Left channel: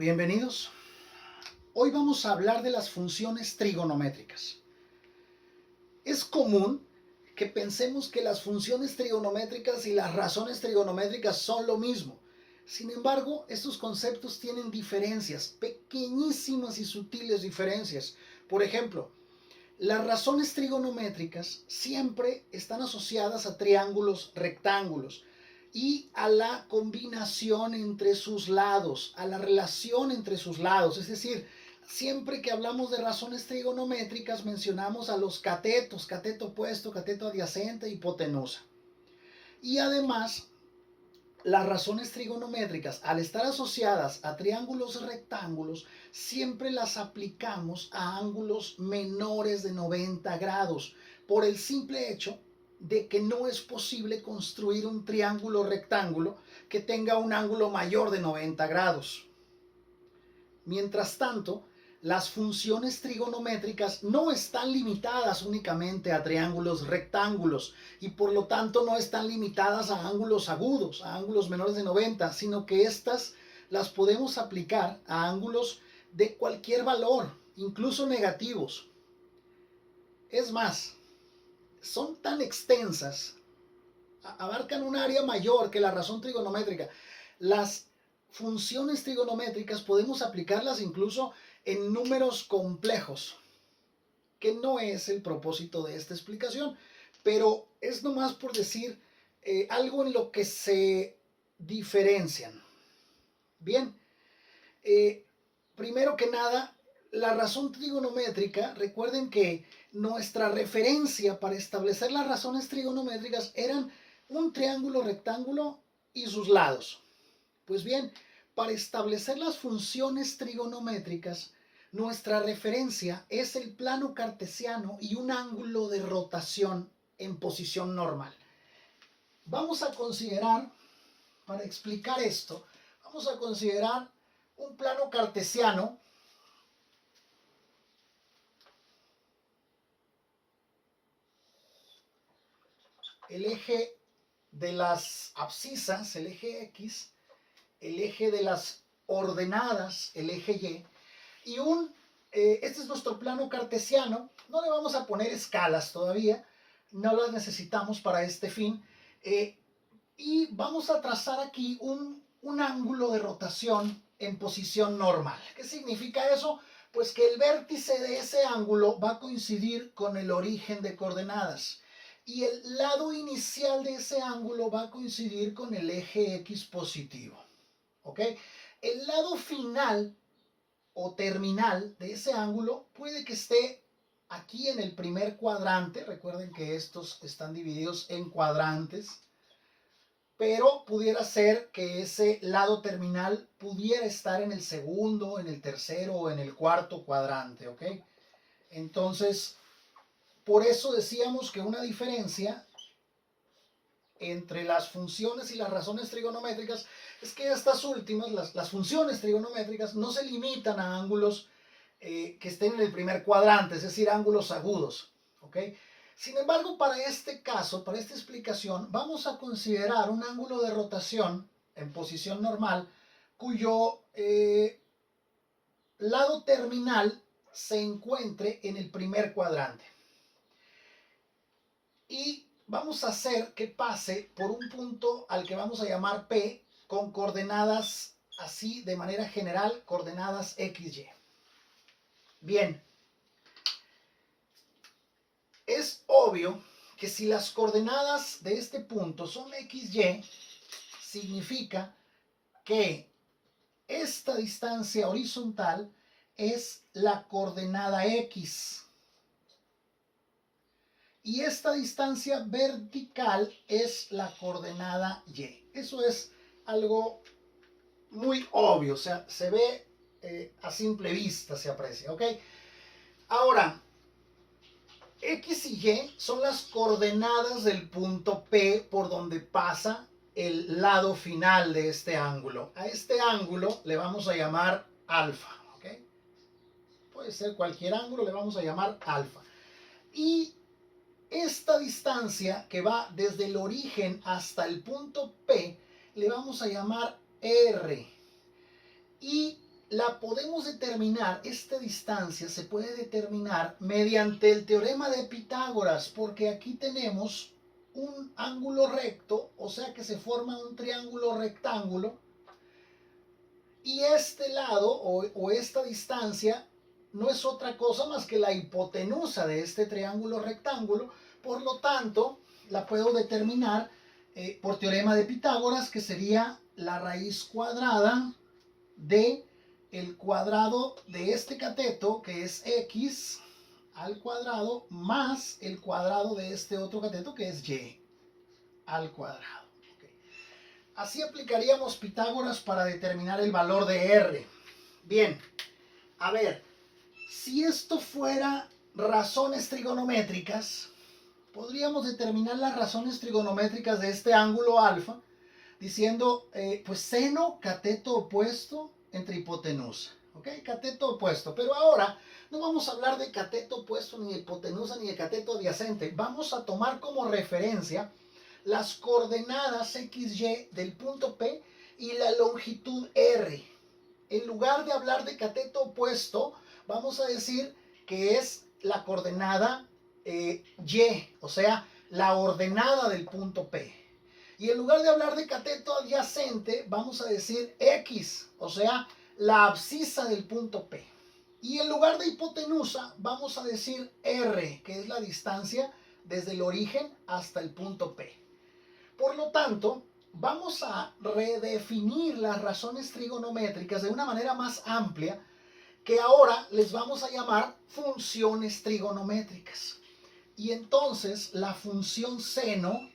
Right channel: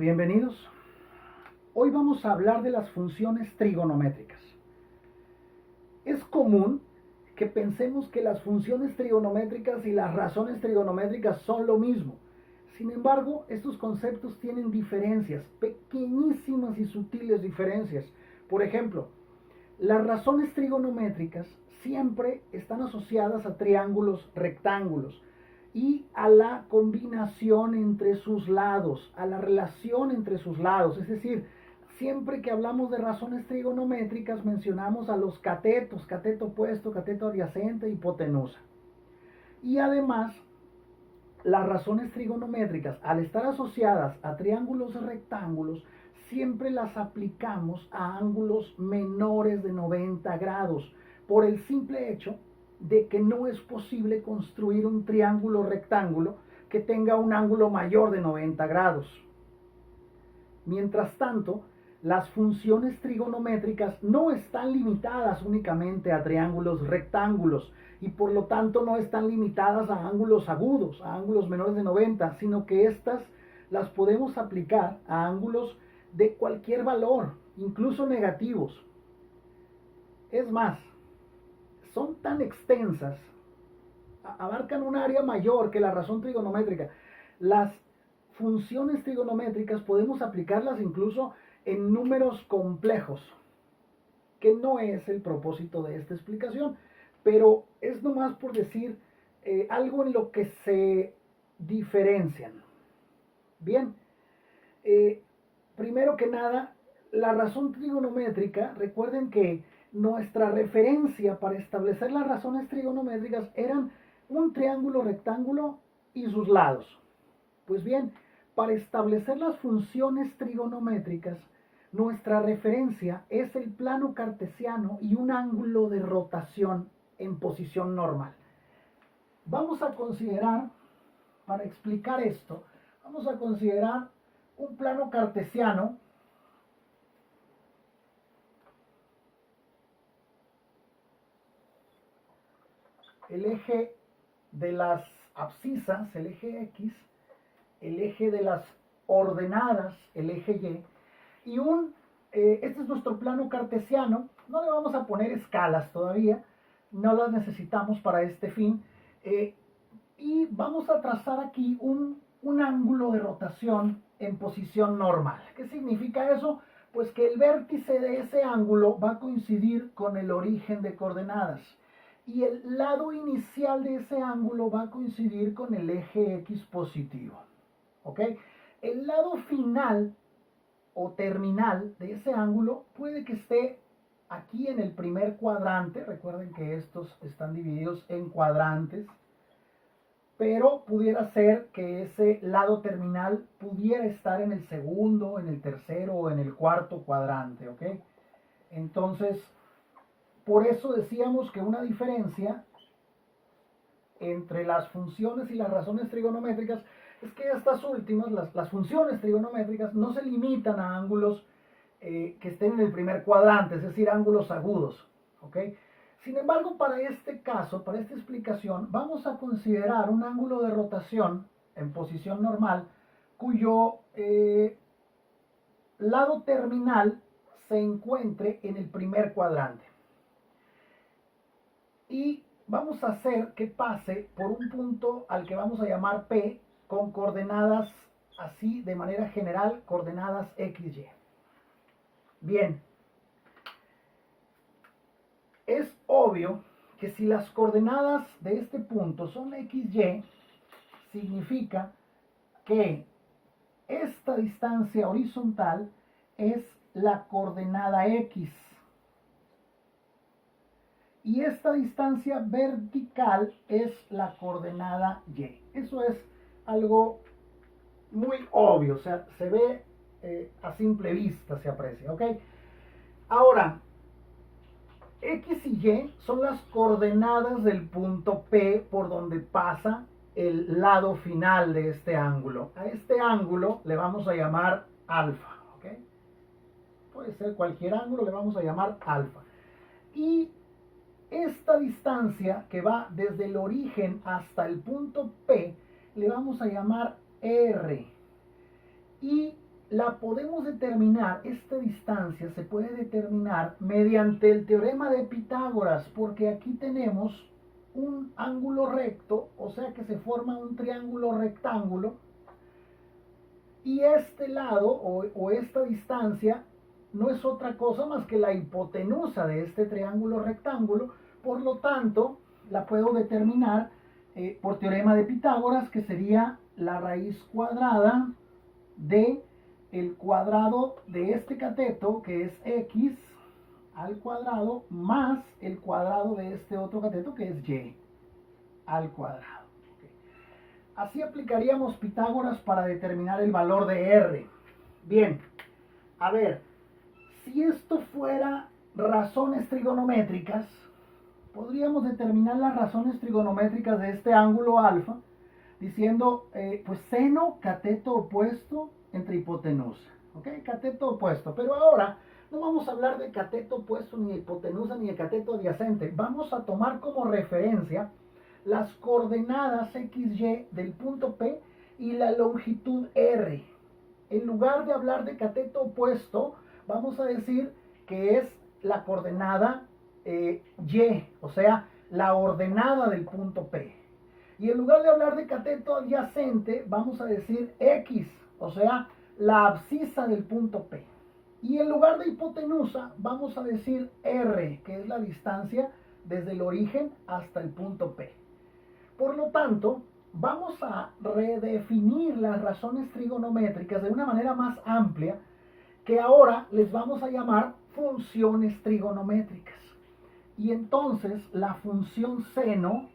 Bienvenidos. Hoy vamos a hablar de las funciones trigonométricas. Es común que pensemos que las funciones trigonométricas y las razones trigonométricas son lo mismo. Sin embargo, estos conceptos tienen diferencias, pequeñísimas y sutiles diferencias. Por ejemplo, las razones trigonométricas siempre están asociadas a triángulos rectángulos y a la combinación entre sus lados, a la relación entre sus lados. Es decir, siempre que hablamos de razones trigonométricas mencionamos a los catetos, cateto opuesto, cateto adyacente, hipotenusa. Y además, las razones trigonométricas, al estar asociadas a triángulos rectángulos, siempre las aplicamos a ángulos menores de 90 grados, por el simple hecho de que no es posible construir un triángulo rectángulo que tenga un ángulo mayor de 90 grados. Mientras tanto, las funciones trigonométricas no están limitadas únicamente a triángulos rectángulos y por lo tanto no están limitadas a ángulos agudos, a ángulos menores de 90, sino que estas las podemos aplicar a ángulos de cualquier valor, incluso negativos. Es más, son tan extensas, abarcan un área mayor que la razón trigonométrica. Las funciones trigonométricas podemos aplicarlas incluso en números complejos, que no es el propósito de esta explicación, pero es nomás por decir algo en lo que se diferencian. Bien, primero que nada, la razón trigonométrica, recuerden que nuestra referencia para establecer las razones trigonométricas eran un triángulo rectángulo y sus lados. Pues bien, para establecer las funciones trigonométricas, nuestra referencia es el plano cartesiano y un ángulo de rotación en posición normal. Vamos a considerar, para explicar esto, vamos a considerar un plano cartesiano el eje de las abscisas, el eje X, el eje de las ordenadas, el eje Y, y este es nuestro plano cartesiano. No le vamos a poner escalas todavía, no las necesitamos para este fin, y vamos a trazar aquí un ángulo de rotación en posición normal. ¿Qué significa eso? Pues que el vértice de ese ángulo va a coincidir con el origen de coordenadas y el lado inicial de ese ángulo va a coincidir con el eje X positivo. ¿Ok? El lado final o terminal de ese ángulo puede que esté aquí en el primer cuadrante. Recuerden que estos están divididos en cuadrantes, pero pudiera ser que ese lado terminal pudiera estar en el segundo, en el tercero o en el cuarto cuadrante, ¿ok? Entonces, por eso decíamos que una diferencia entre las funciones y las razones trigonométricas es que estas últimas, las funciones trigonométricas, no se limitan a ángulos que estén en el primer cuadrante, es decir, ángulos agudos, ¿ok? Sin embargo, para este caso, para esta explicación, vamos a considerar un ángulo de rotación en posición normal cuyo lado terminal se encuentre en el primer cuadrante. Y vamos a hacer que pase por un punto al que vamos a llamar P con coordenadas así de manera general, coordenadas XY. Bien, es obvio que si las coordenadas de este punto son XY, significa que esta distancia horizontal es la coordenada X y esta distancia vertical es la coordenada Y. Eso es algo muy obvio, o sea, se ve a simple vista, se aprecia, ¿ok? Ahora, X y Y son las coordenadas del punto P por donde pasa el lado final de este ángulo. A este ángulo le vamos a llamar alfa, ¿ok? Puede ser cualquier ángulo, le vamos a llamar alfa. Y esta distancia que va desde el origen hasta el punto P le vamos a llamar R. Y la podemos determinar, esta distancia se puede determinar mediante el teorema de Pitágoras, porque aquí tenemos un ángulo recto, o sea que se forma un triángulo rectángulo, y este lado o esta distancia no es otra cosa más que la hipotenusa de este triángulo rectángulo. Por lo tanto, la puedo determinar por teorema de Pitágoras, que sería la raíz cuadrada de el cuadrado de este cateto, que es x al cuadrado, más el cuadrado de este otro cateto, que es y al cuadrado. Así aplicaríamos Pitágoras para determinar el valor de R. Bien, a ver, si esto fuera razones trigonométricas, podríamos determinar las razones trigonométricas de este ángulo alfa diciendo, pues seno, cateto opuesto entre hipotenusa. ¿Ok? Cateto opuesto. Pero ahora no vamos a hablar de cateto opuesto, ni de hipotenusa, ni de cateto adyacente. Vamos a tomar como referencia las coordenadas XY del punto P y la longitud R. En lugar de hablar de cateto opuesto, vamos a decir que es la coordenada Y, o sea, la ordenada del punto P. Y en lugar de hablar de cateto adyacente, vamos a decir X, o sea, la abscisa del punto P. Y en lugar de hipotenusa, vamos a decir R, que es la distancia desde el origen hasta el punto P. Por lo tanto, vamos a redefinir las razones trigonométricas de una manera más amplia, que ahora les vamos a llamar funciones trigonométricas. Y entonces la función seno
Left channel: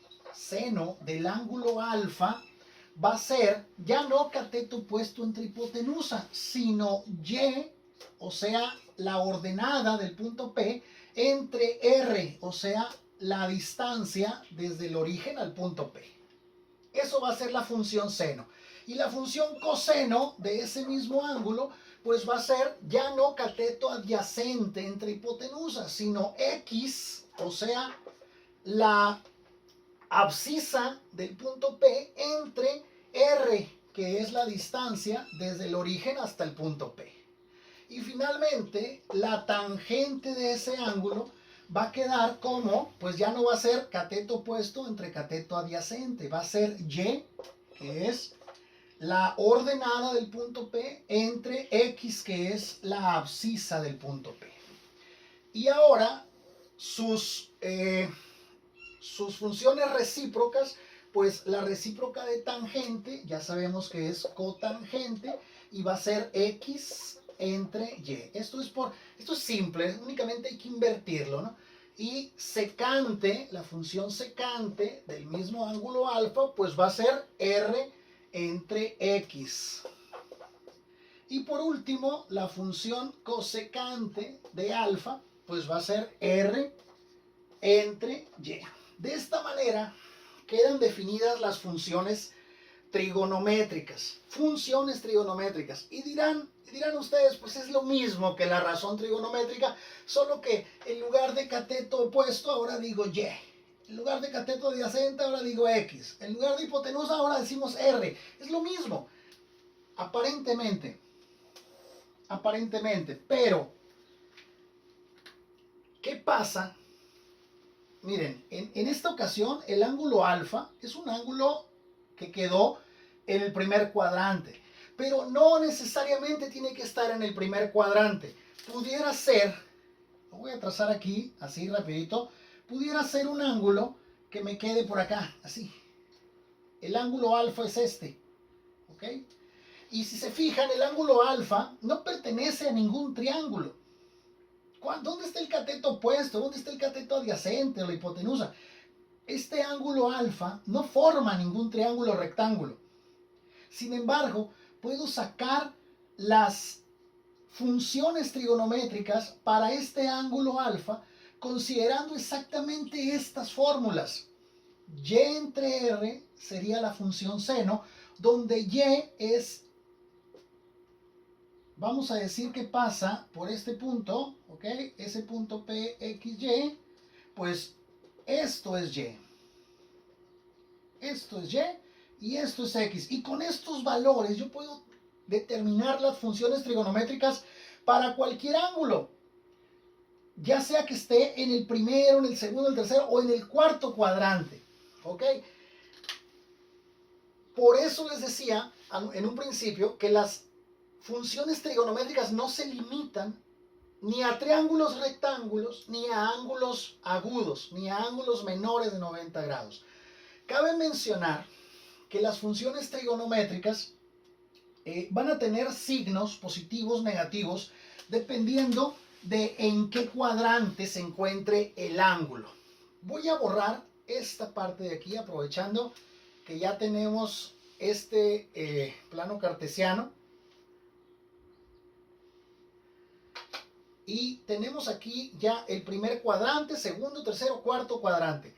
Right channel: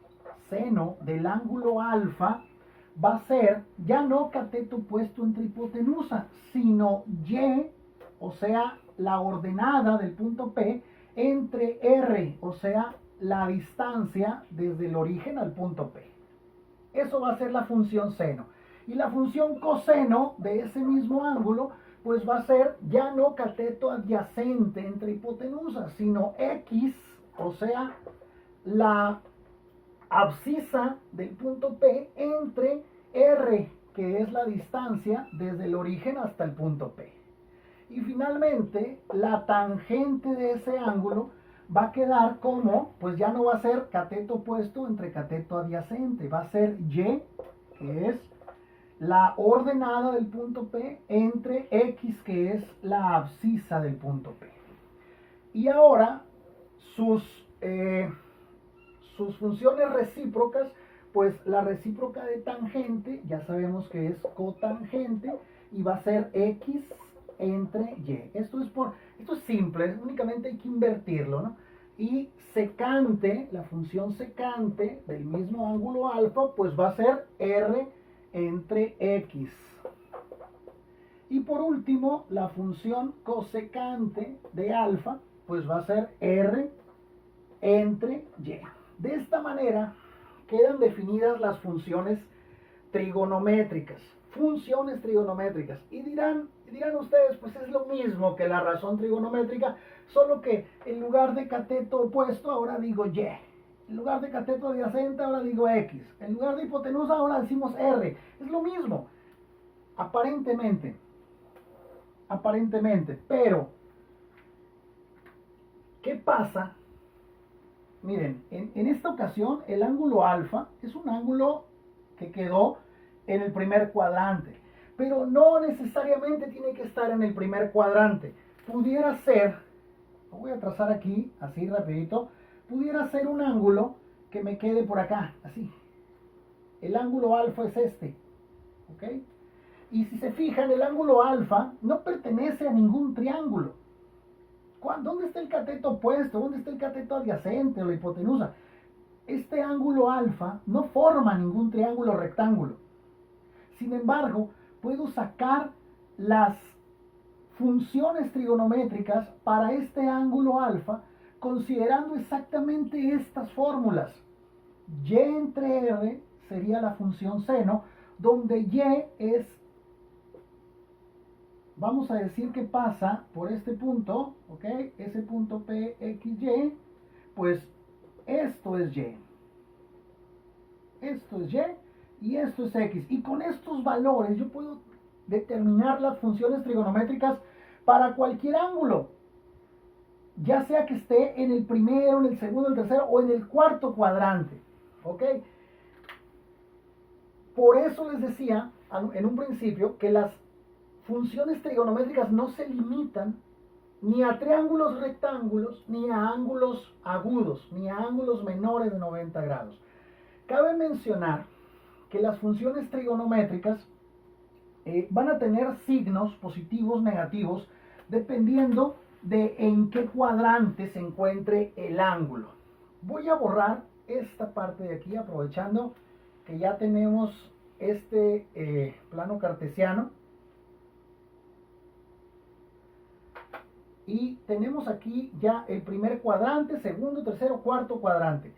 del ángulo alfa va a ser ya no cateto opuesto entre hipotenusa, sino y, o sea, la ordenada del punto P entre R, o sea, la distancia desde el origen al punto P. Eso va a ser la función seno. Y la función coseno de ese mismo ángulo, pues va a ser ya no cateto adyacente entre hipotenusa, sino X, o sea, la abscisa del punto P entre R, que es la distancia desde el origen hasta el punto P. Y finalmente, la tangente de ese ángulo va a quedar como, pues ya no va a ser cateto opuesto entre cateto adyacente, va a ser Y, que es la ordenada del punto P, entre X, que es la abscisa del punto P. Y ahora, sus funciones recíprocas, pues la recíproca de tangente, ya sabemos que es cotangente, y va a ser X entre Y. Esto es simple, únicamente hay que invertirlo, ¿no? Y secante, la función secante del mismo ángulo alfa, pues va a ser R entre X. Y por último, la función cosecante de alfa, pues va a ser R entre Y. De esta manera quedan definidas las funciones trigonométricas. Funciones trigonométricas. Y dirán ustedes, pues es lo mismo que la razón trigonométrica, solo que en lugar de cateto opuesto, ahora digo Y. En lugar de cateto adyacente, ahora digo X. En lugar de hipotenusa, ahora decimos R. Es lo mismo. Aparentemente. Pero, ¿qué pasa? Miren, en esta ocasión el ángulo alfa es un ángulo que quedó en el primer cuadrante, pero no necesariamente tiene que estar en el primer cuadrante. Pudiera ser, lo voy a trazar aquí, así rapidito, pudiera ser un ángulo que me quede por acá, así. El ángulo alfa es este, ¿ok? Y si se fijan, el ángulo alfa no pertenece a ningún triángulo. ¿Dónde está el cateto opuesto? ¿Dónde está el cateto adyacente o la hipotenusa? Este ángulo alfa no forma ningún triángulo rectángulo. Sin embargo, puedo sacar las funciones trigonométricas para este ángulo alfa considerando exactamente estas fórmulas. Y entre R sería la función seno, donde Y es, vamos a decir que pasa por este punto, ¿ok? Ese punto P, X, Y, pues esto es Y. Esto es Y y esto es X. Y con estos valores yo puedo determinar las funciones trigonométricas para cualquier ángulo, ya sea que esté en el primero, en el segundo, en el tercero o en el cuarto cuadrante. ¿Ok? Por eso les decía en un principio que las funciones trigonométricas no se limitan ni a triángulos rectángulos, ni a ángulos agudos, ni a ángulos menores de 90 grados. Cabe mencionar que las funciones trigonométricas van a tener signos positivos, negativos, dependiendo de en qué cuadrante se encuentre el ángulo. Voy a borrar esta parte de aquí, aprovechando que ya tenemos este plano cartesiano. Y tenemos aquí ya el primer cuadrante, segundo, tercero, cuarto cuadrante.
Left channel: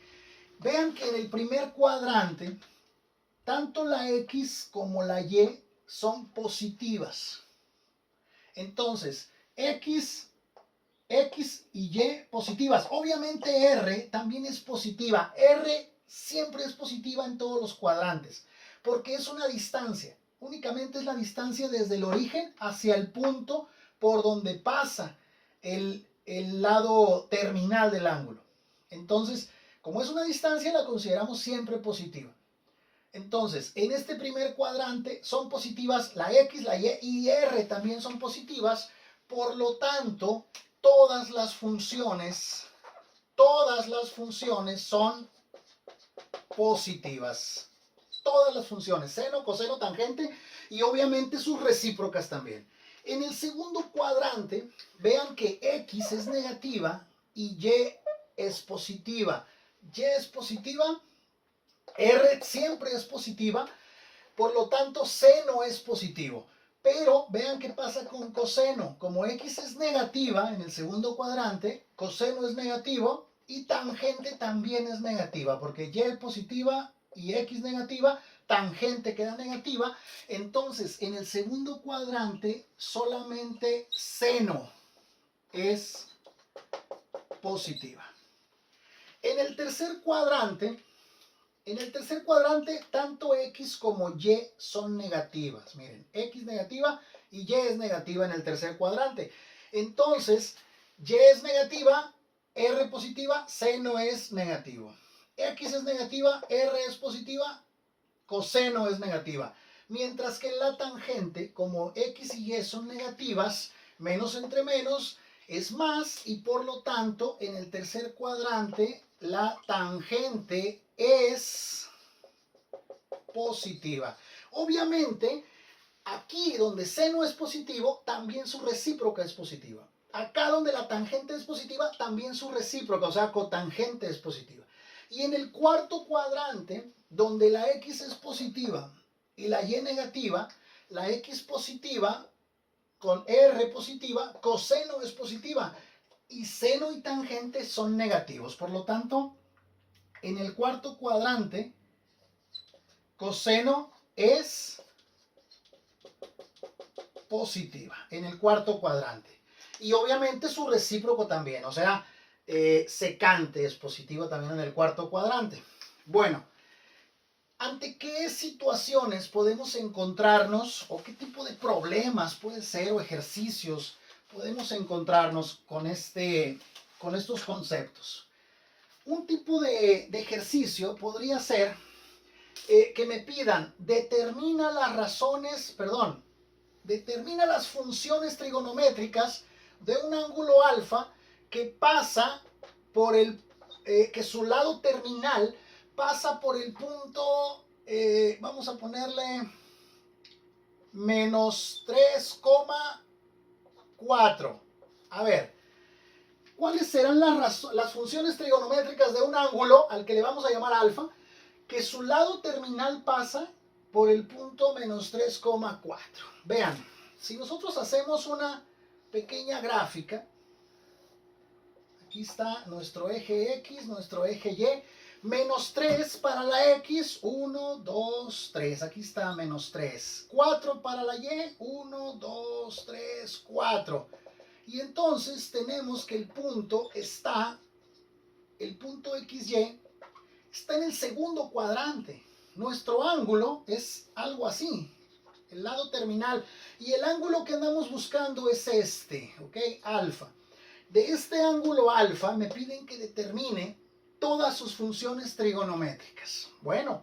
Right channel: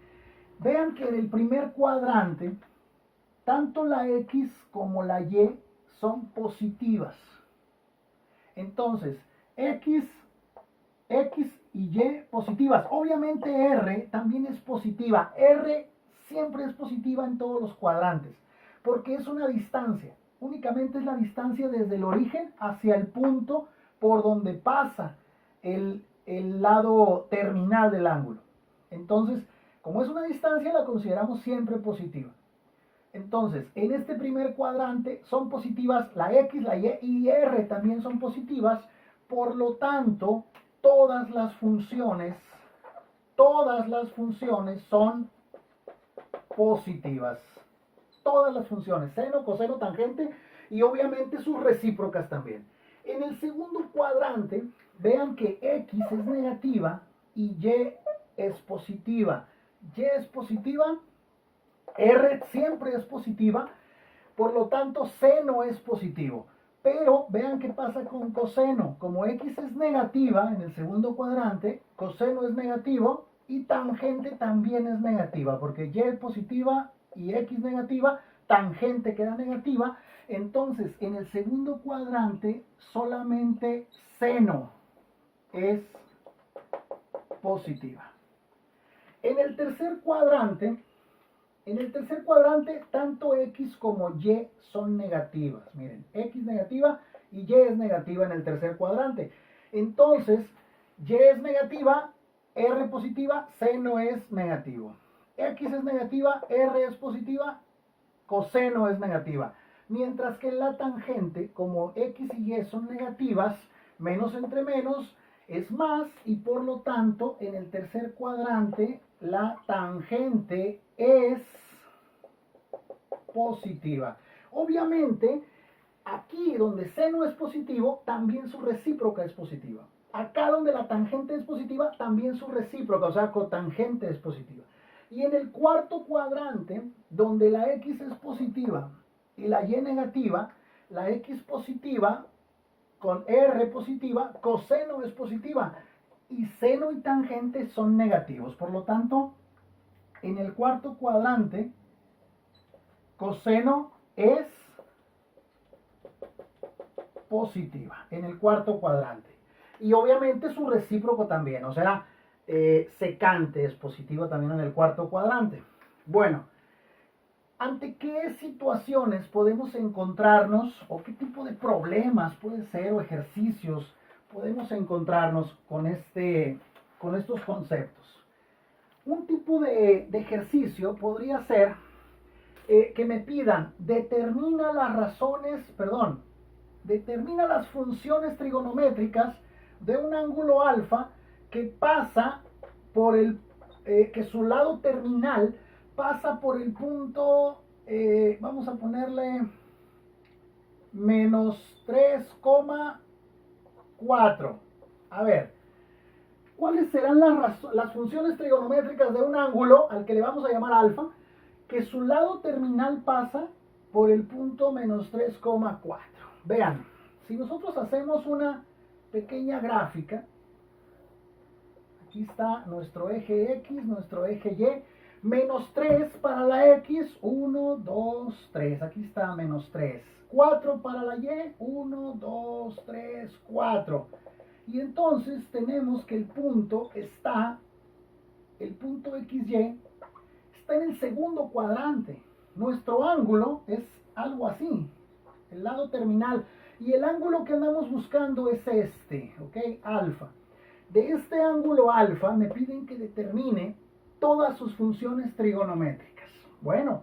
Vean que en el primer cuadrante, tanto la X como la Y son positivas. Entonces, X y Y positivas. Obviamente R también es positiva. R siempre es positiva en todos los cuadrantes, porque es una distancia. Únicamente es la distancia desde el origen hacia el punto por donde pasa el lado terminal del ángulo. Entonces, como es una distancia, la consideramos siempre positiva. Entonces, en este primer cuadrante son positivas la X, la Y y R también son positivas. Por lo tanto, todas las funciones son positivas. Todas las funciones, seno, coseno, tangente y obviamente sus recíprocas también. En el segundo cuadrante, vean que X es negativa y Y es positiva. Y es positiva, R siempre es positiva, por lo tanto seno es positivo. Pero vean qué pasa con coseno. Como X es negativa en el segundo cuadrante, coseno es negativo y tangente también es negativa, porque Y es positiva y X negativa, tangente queda negativa. Entonces, en el segundo cuadrante, solamente seno es positiva. En el tercer cuadrante, tanto X como Y son negativas. Miren, X negativa y Y es negativa en el tercer cuadrante. Entonces, Y es negativa, R positiva, seno es negativo. X es negativa, R es positiva, coseno es negativa. Mientras que en la tangente, como X y Y son negativas, menos entre menos es más, y por lo tanto, en el tercer cuadrante, la tangente es positiva. Obviamente, aquí donde seno es positivo, también su recíproca es positiva. Acá donde la tangente es positiva, también su recíproca, o sea, cotangente es positiva. Y en el cuarto cuadrante, donde la X es positiva y la Y negativa, la X positiva con R positiva, coseno es positiva. Y seno y tangente son negativos. Por lo tanto, en el cuarto cuadrante, coseno es positiva. En el cuarto cuadrante. Y obviamente su recíproco también. O sea, secante es positiva también en el cuarto cuadrante. Bueno, ¿ante qué situaciones podemos encontrarnos o qué tipo de problemas puede ser o ejercicios podemos encontrarnos con estos conceptos? Un tipo de ejercicio podría ser que me pidan, determina las funciones trigonométricas de un ángulo alfa que pasa por que su lado terminal pasa por el punto, vamos a ponerle menos 3,4. A ver, ¿cuáles serán las funciones trigonométricas de un ángulo al que le vamos a llamar alfa, que su lado terminal pasa por el punto menos 3,4? Vean, si nosotros hacemos una pequeña gráfica, aquí está nuestro eje X, nuestro eje Y, menos 3 para la X, 1, 2, 3, aquí está menos 3, 4 para la Y, 1, 2, 3, 4. Y entonces tenemos que el punto XY está en el segundo cuadrante. Nuestro ángulo es algo así. El lado terminal Y el ángulo que andamos buscando es este, ¿ok? Alfa. De este ángulo alfa me piden que determine todas sus funciones trigonométricas. Bueno,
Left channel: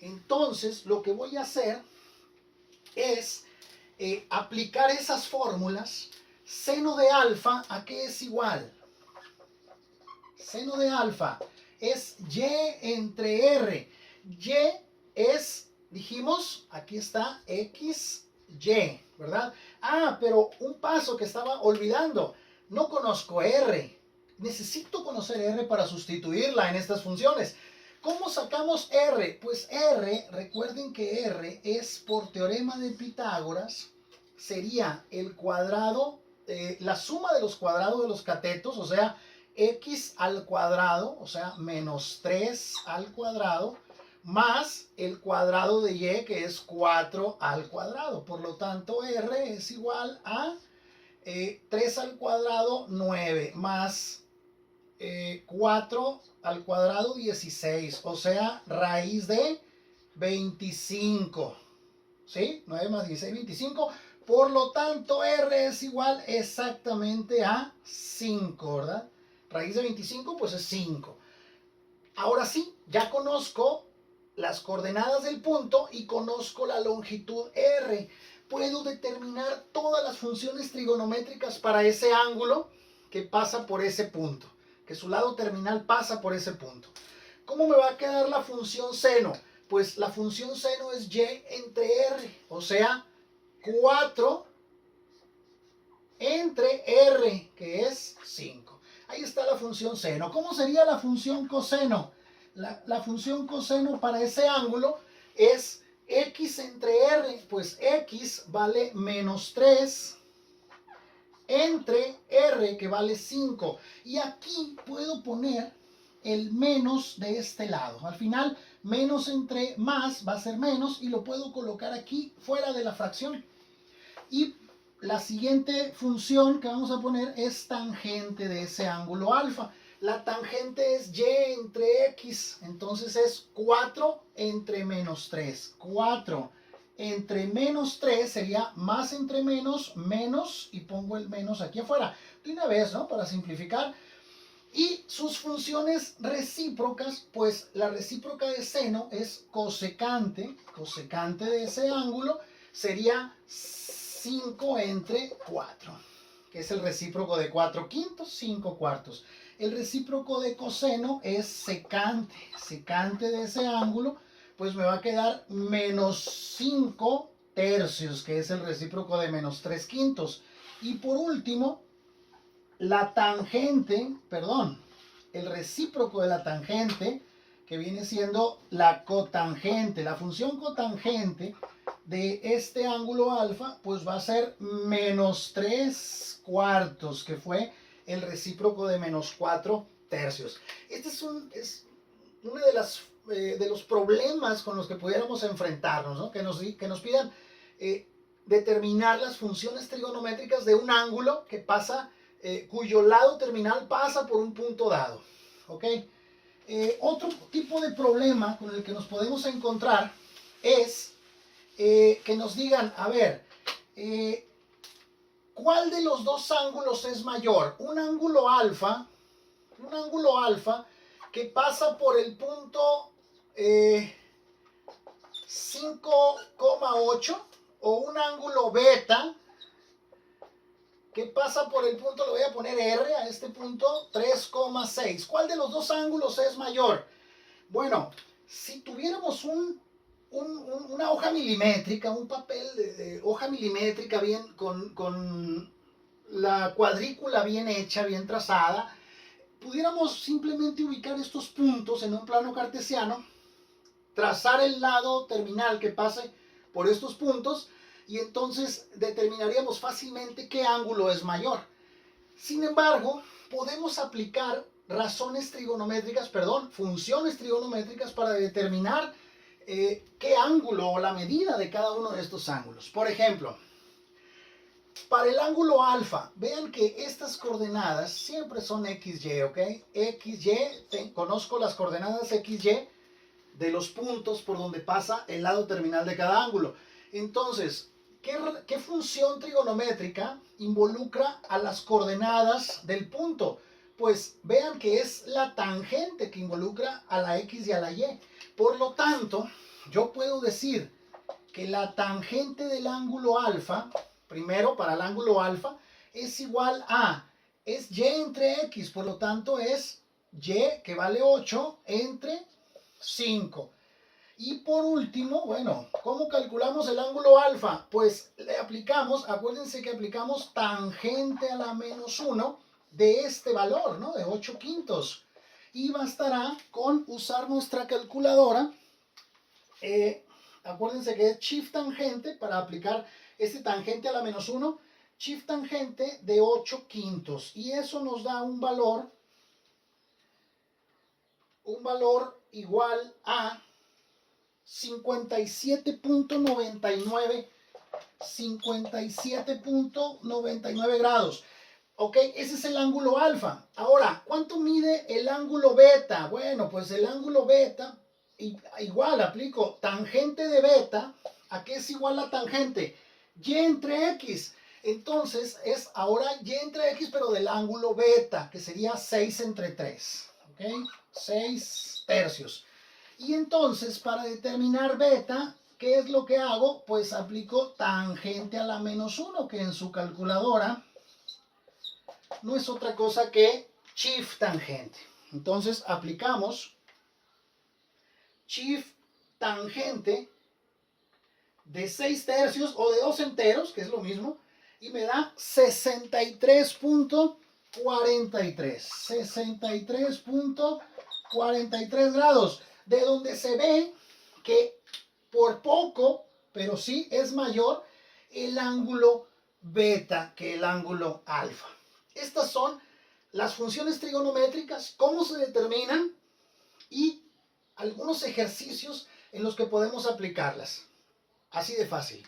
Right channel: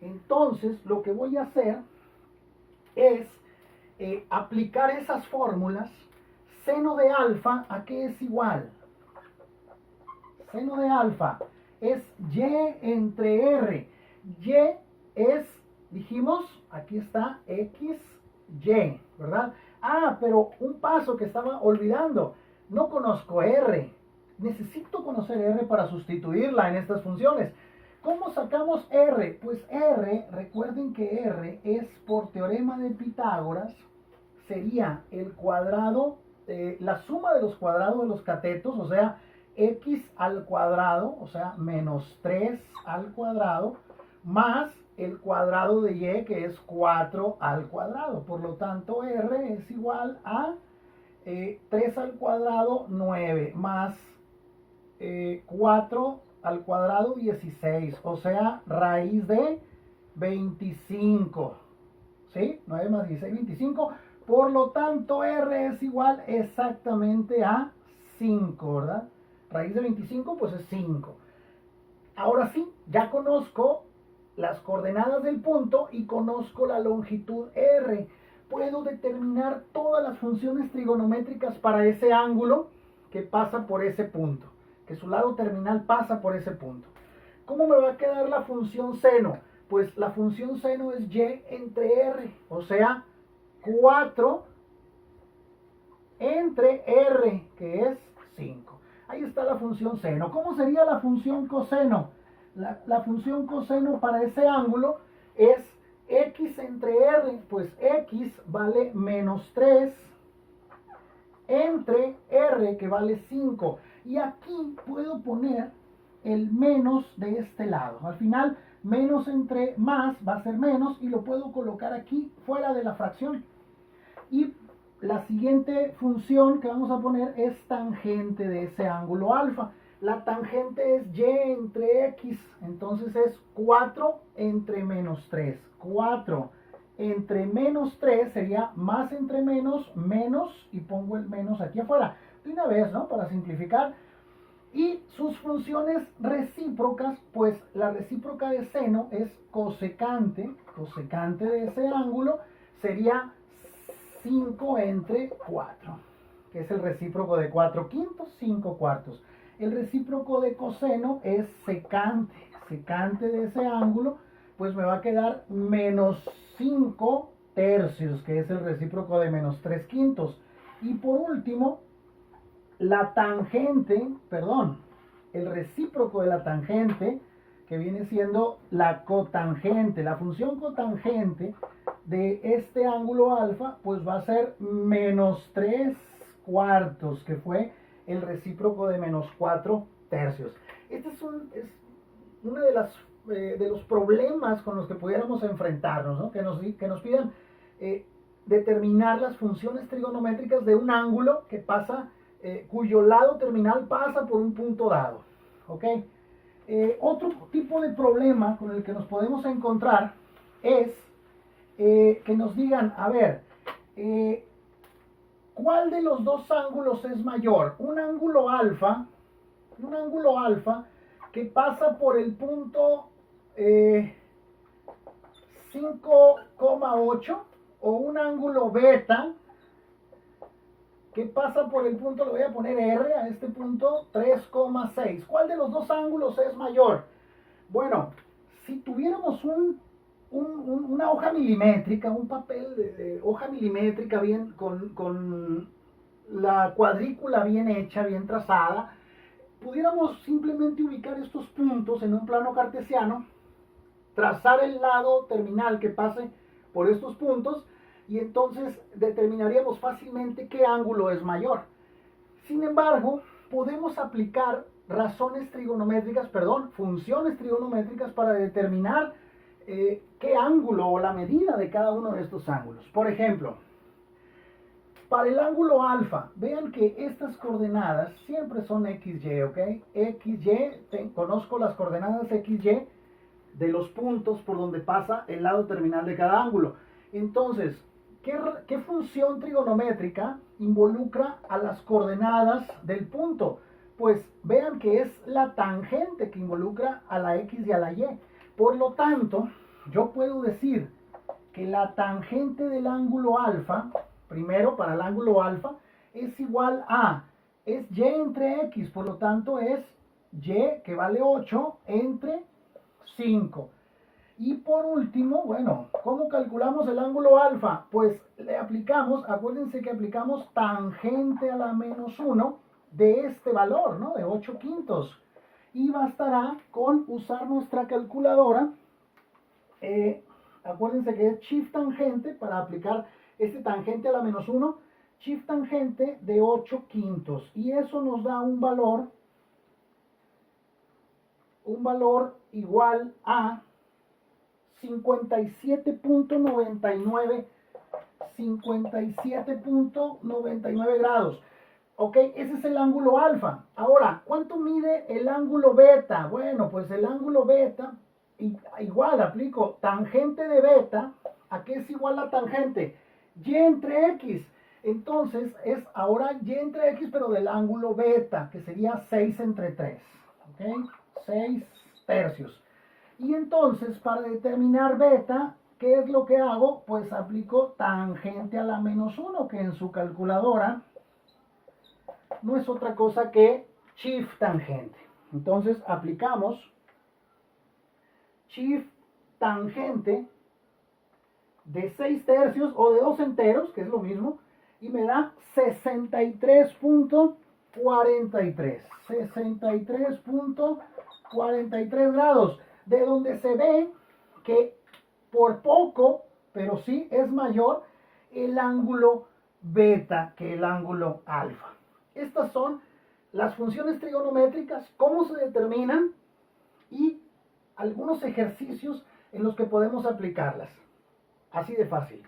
entonces lo que voy a hacer es aplicar esas fórmulas. Seno de alfa, ¿a qué es igual? Seno de alfa es y entre r. Y es, dijimos, aquí está x, y, ¿verdad? Ah, pero un paso que estaba olvidando. No conozco r. Necesito conocer r para sustituirla en estas funciones. ¿Cómo sacamos r? Pues r, recuerden que r es por teorema de Pitágoras, sería el cuadrado, la suma de los cuadrados de los catetos, o sea, x al cuadrado, o sea, menos 3 al cuadrado, más el cuadrado de y, que es 4 al cuadrado. Por lo tanto, r es igual a 3 al cuadrado, 9, más 4 al cuadrado, 16, o sea, raíz de 25, ¿sí? 9 más 16, 25. Por lo tanto, r es igual exactamente a 5, ¿verdad? Raíz de 25, pues es 5. Ahora sí, ya conozco las coordenadas del punto y conozco la longitud r. Puedo determinar todas las funciones trigonométricas para ese ángulo que pasa por ese punto, que su lado terminal pasa por ese punto. ¿Cómo me va a quedar la función seno? Pues la función seno es y entre r, o sea, 4 entre r, que es 5. Ahí está la función seno. ¿Cómo sería la función coseno? La función coseno para ese ángulo es x entre r, pues x vale menos 3 entre r, que vale 5. Y aquí puedo poner el menos de este lado. Al final, menos entre más va a ser menos y lo puedo colocar aquí fuera de la fracción. Y la siguiente función que vamos a poner es tangente de ese ángulo alfa. La tangente es y entre x, entonces es 4 entre menos 3. 4 entre menos 3 sería más entre menos, menos, y pongo el menos aquí afuera. De una vez, ¿no? Para simplificar. Y sus funciones recíprocas, pues la recíproca de seno es cosecante. Cosecante de ese ángulo sería 5 entre 4, que es el recíproco de 4 quintos, 5 cuartos. El recíproco de coseno es secante. Secante de ese ángulo, pues me va a quedar menos 5 tercios, que es el recíproco de menos 3 quintos. Y por último, la tangente, perdón, el recíproco de la tangente, que viene siendo la cotangente. La función cotangente de este ángulo alfa, pues va a ser menos 3 cuartos, que fue el recíproco de menos 4 tercios. Este es uno de los problemas con los que pudiéramos enfrentarnos, ¿no? Que nos pidan determinar las funciones trigonométricas de un ángulo que pasa, cuyo lado terminal pasa por un punto dado. ¿Ok? Otro tipo de problema con el que nos podemos encontrar es que nos digan, a ver, ¿cuál de los dos ángulos es mayor? Un ángulo alfa que pasa por el punto 5,8, o un ángulo beta que pasa por el punto, le voy a poner R a este punto, 3,6. ¿Cuál de los dos ángulos es mayor? Bueno, si tuviéramos una hoja milimétrica, un papel de hoja milimétrica bien con la cuadrícula bien hecha, bien trazada, pudiéramos simplemente ubicar estos puntos en un plano cartesiano, trazar el lado terminal que pase por estos puntos, y entonces determinaríamos fácilmente qué ángulo es mayor. Sin embargo, podemos aplicar funciones trigonométricas para determinar qué ángulo o la medida de cada uno de estos ángulos. Por ejemplo, para el ángulo alfa, vean que estas coordenadas siempre son XY, ¿ok? XY, conozco las coordenadas XY de los puntos por donde pasa el lado terminal de cada ángulo. Entonces, ¿Qué función trigonométrica involucra a las coordenadas del punto? Pues vean que es la tangente que involucra a la X y a la Y. Por lo tanto, yo puedo decir que la tangente del ángulo alfa, primero para el ángulo alfa, es igual a, es Y entre X, por lo tanto es Y que vale 8 entre 5. Y por último, bueno, ¿cómo calculamos el ángulo alfa? Pues le aplicamos, acuérdense que aplicamos tangente a la menos 1 de este valor, ¿no? De 8 quintos. Y bastará con usar nuestra calculadora. Acuérdense que es shift tangente para aplicar este tangente a la menos 1. Shift tangente de 8 quintos. Y eso nos da un valor igual a 57.99 grados. Ok, ese es el ángulo alfa. Ahora, ¿cuánto mide el ángulo beta? Bueno, pues el ángulo beta, igual aplico tangente de beta. ¿A qué es igual la tangente? Y entre X. Entonces es ahora Y entre X, pero del ángulo beta, que sería 6 entre 3. Ok, 6 tercios. Y entonces, para determinar beta, ¿qué es lo que hago? Pues aplico tangente a la menos 1, que en su calculadora no es otra cosa que shift tangente. Entonces, aplicamos shift tangente de 6 tercios o de 2 enteros, que es lo mismo, y me da 63.43. 63.43 grados. De donde se ve que por poco, pero sí es mayor el ángulo beta que el ángulo alfa. Estas son las funciones trigonométricas, cómo se determinan y algunos ejercicios en los que podemos aplicarlas. Así de fácil.